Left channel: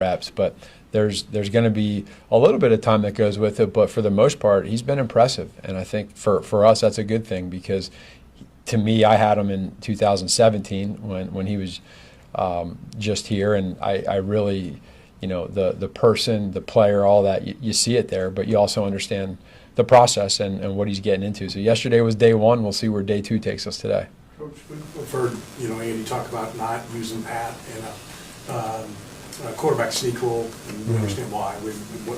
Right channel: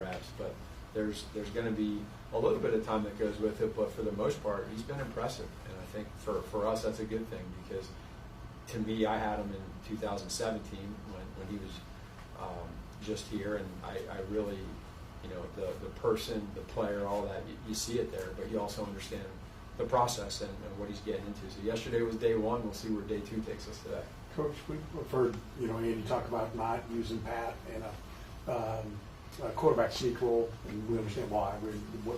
reps, but there's going to be a little bit of time that goes with it. But for the most part, he's been impressive, and I think for us that's a good thing because to me, I had him in 2017 when he was just here, and I really, the person, the player, all that, you see it there, but you also understand the process and what he's getting into. So yesterday was day one. We'll see where day two takes us today. Coach, we've heard, Andy talk about not using Pat in a quarterback sneak role, and we understand why,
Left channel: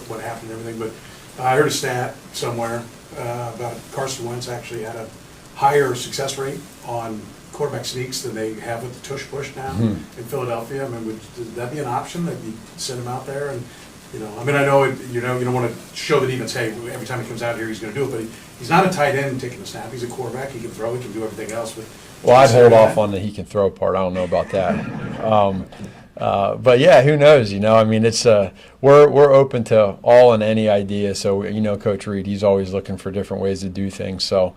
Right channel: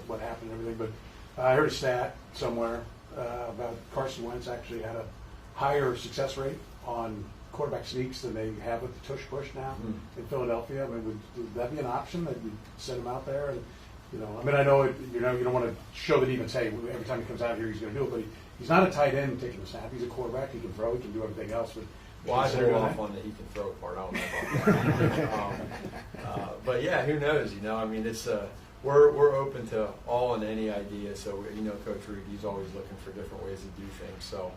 what happened and everything, but I heard a stat somewhere about Carson Wentz actually had a higher success rate on quarterback sneaks than they have with the tush push now in Philadelphia. I mean, would that be an option that you send him out there? And I know you don't want to show that even say every time he comes out here he's going to do it, but he's not a tight end taking the snap. He's a quarterback. He can throw. He can do everything else. Well, I'd hold off on the he can throw part. I don't know about that. But yeah, who knows? It's we're open to all and any idea. So Coach Reed, he's always looking for different ways to do things. So.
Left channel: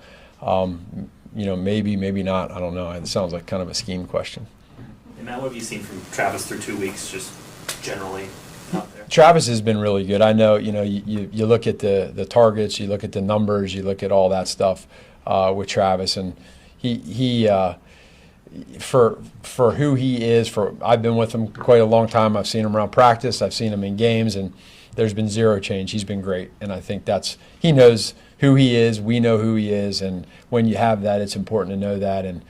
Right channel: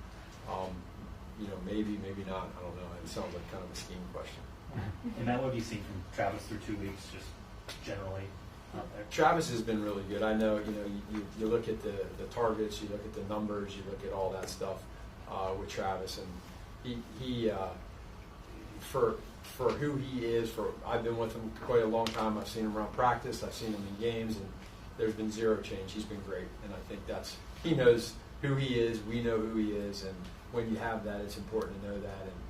Maybe not. I don't know. It sounds like kind of a scheme question. And Matt, what have you seen from Travis through 2 weeks, just generally out there? Travis has been really good. I know, you look at the targets, you look at the numbers, you look at all that stuff with Travis, and he for who he is, I've been with him quite a long time. I've seen him around practice. I've seen him in games, and there's been zero change. He's been great, and I think he knows who he is. We know who he is, and when you have that, it's important to know that, and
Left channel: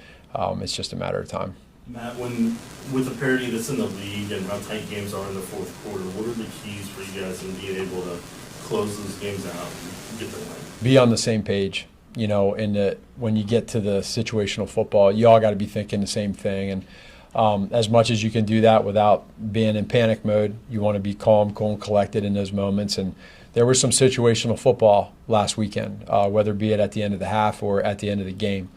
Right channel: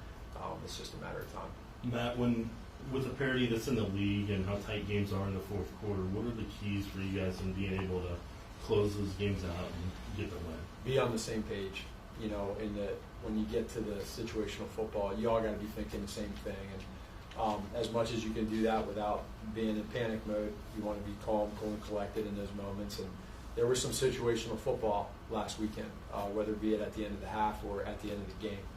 it's just a matter of time. Matt, with the parity that's in the league and how tight games are in the fourth quarter, what are the keys for you guys in being able to close those games out and get the win? Be on the same page. When you get to the situational football, you all got to be thinking the same thing, and as much as you can do that without being in panic mode, you want to be calm, cool, and collected in those moments. And there was some situational football last weekend, whether it be at the end of the half or at the end of the game.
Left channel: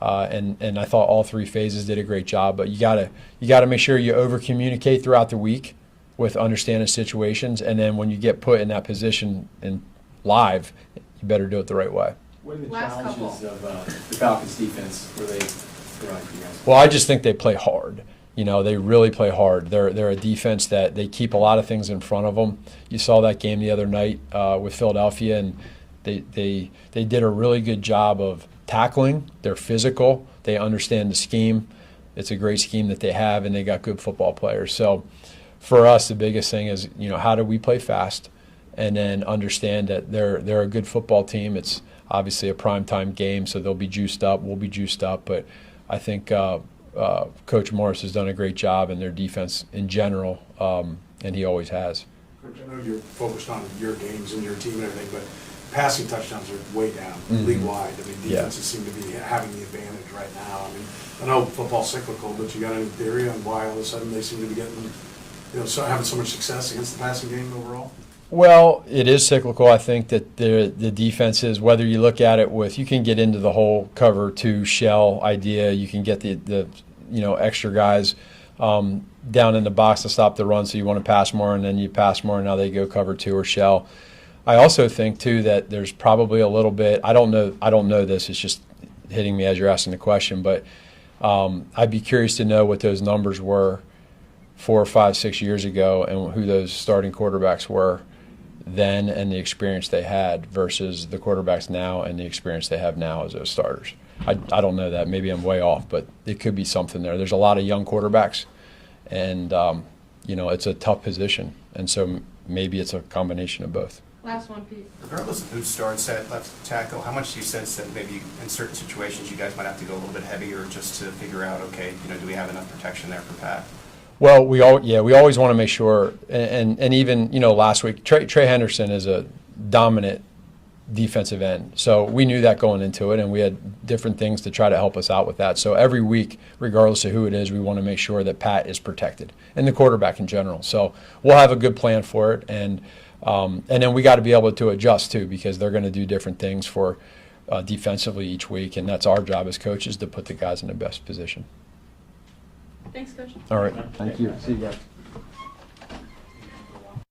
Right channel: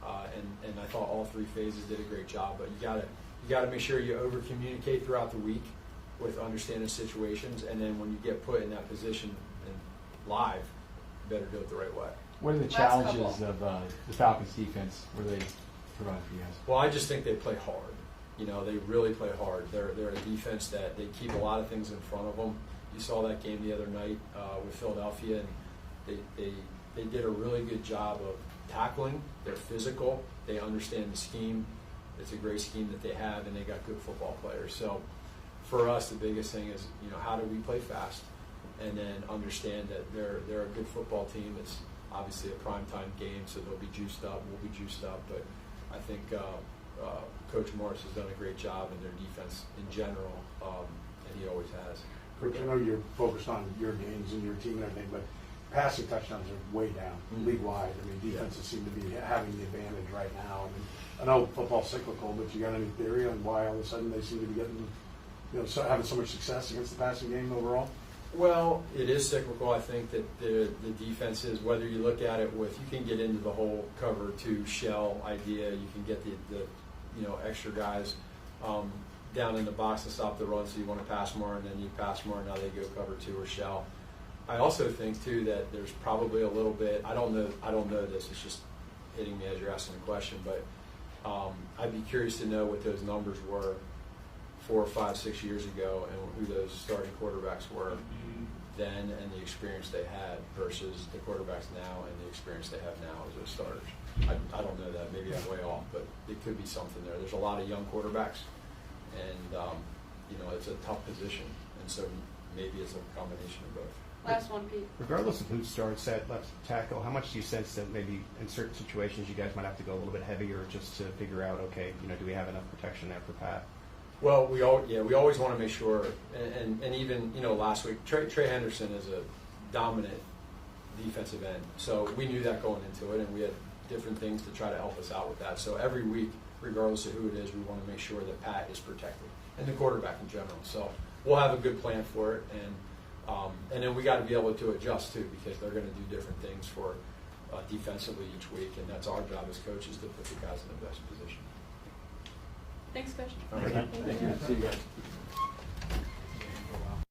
And I thought all three phases did a great job. But you gotta make sure you over communicate throughout the week with understanding situations, and then when you get put in that position in live, you better do it the right way. What are the challenges of the Falcons defense where they provide for you guys? Well, I just think they play hard. They really play hard. They're a defense that they keep a lot of things in front of them. You saw that game the other night with Philadelphia, and they did a really good job of tackling. They're physical. They understand the scheme. It's a great scheme that they have, and they got good football players. So for us, the biggest thing is, how do we play fast and then understand that they're a good football team. It's obviously a primetime game, so they'll be juiced up. We'll be juiced up. But I think Coach Morris has done a great job in their defense in general, and he always has. Coach, I know you're focused on your games and your team and everything, but passing touchdowns are way down league-wide. Defenses seem to be having the advantage right now. I know football's cyclical, but you got any theory on why all of a sudden they seem to be getting, having so much success against the passing game overall? Well, it is cyclical. I think that the defenses, whether you look at it you can get into the whole cover two shell idea. You can get the extra guys down in the box to stop the run, so you want to pass more, and then you pass more, and now they go cover two or shell. I also think too that there's probably a little bit. I don't know this. It's just hitting me as you're asking the question, but I'd be curious to know what those numbers were 4 or 5, 6 years ago, and who those starting quarterbacks were then, and the experience they had versus the quarterbacks now and the experience they have now as those starters. I don't know that. Maybe I'm way off, but it could be something there. There's a lot of young quarterbacks, and it's a tough position, and so maybe it's a combination of both. Last one, Pete. Regardless of who starts at left tackle, how much do you sense that maybe in certain situations you guys might have to go a little bit heavier just to figure out, okay, do we have enough protection there for Pat? Well, we always want to make sure, and even last week, Trey Henderson is a dominant defensive end, so we knew that going into it, and we had different things to try to help us out with that. So every week, regardless of who it is, we want to make sure that Pat is protected, and the quarterback in general. So we'll have a good plan for it, and then we got to be able to adjust too, because they're going to do different things for defensively each week, and that's our job as coaches to put the guys in the best position. Thanks, Coach. All right. Thank you. See you guys.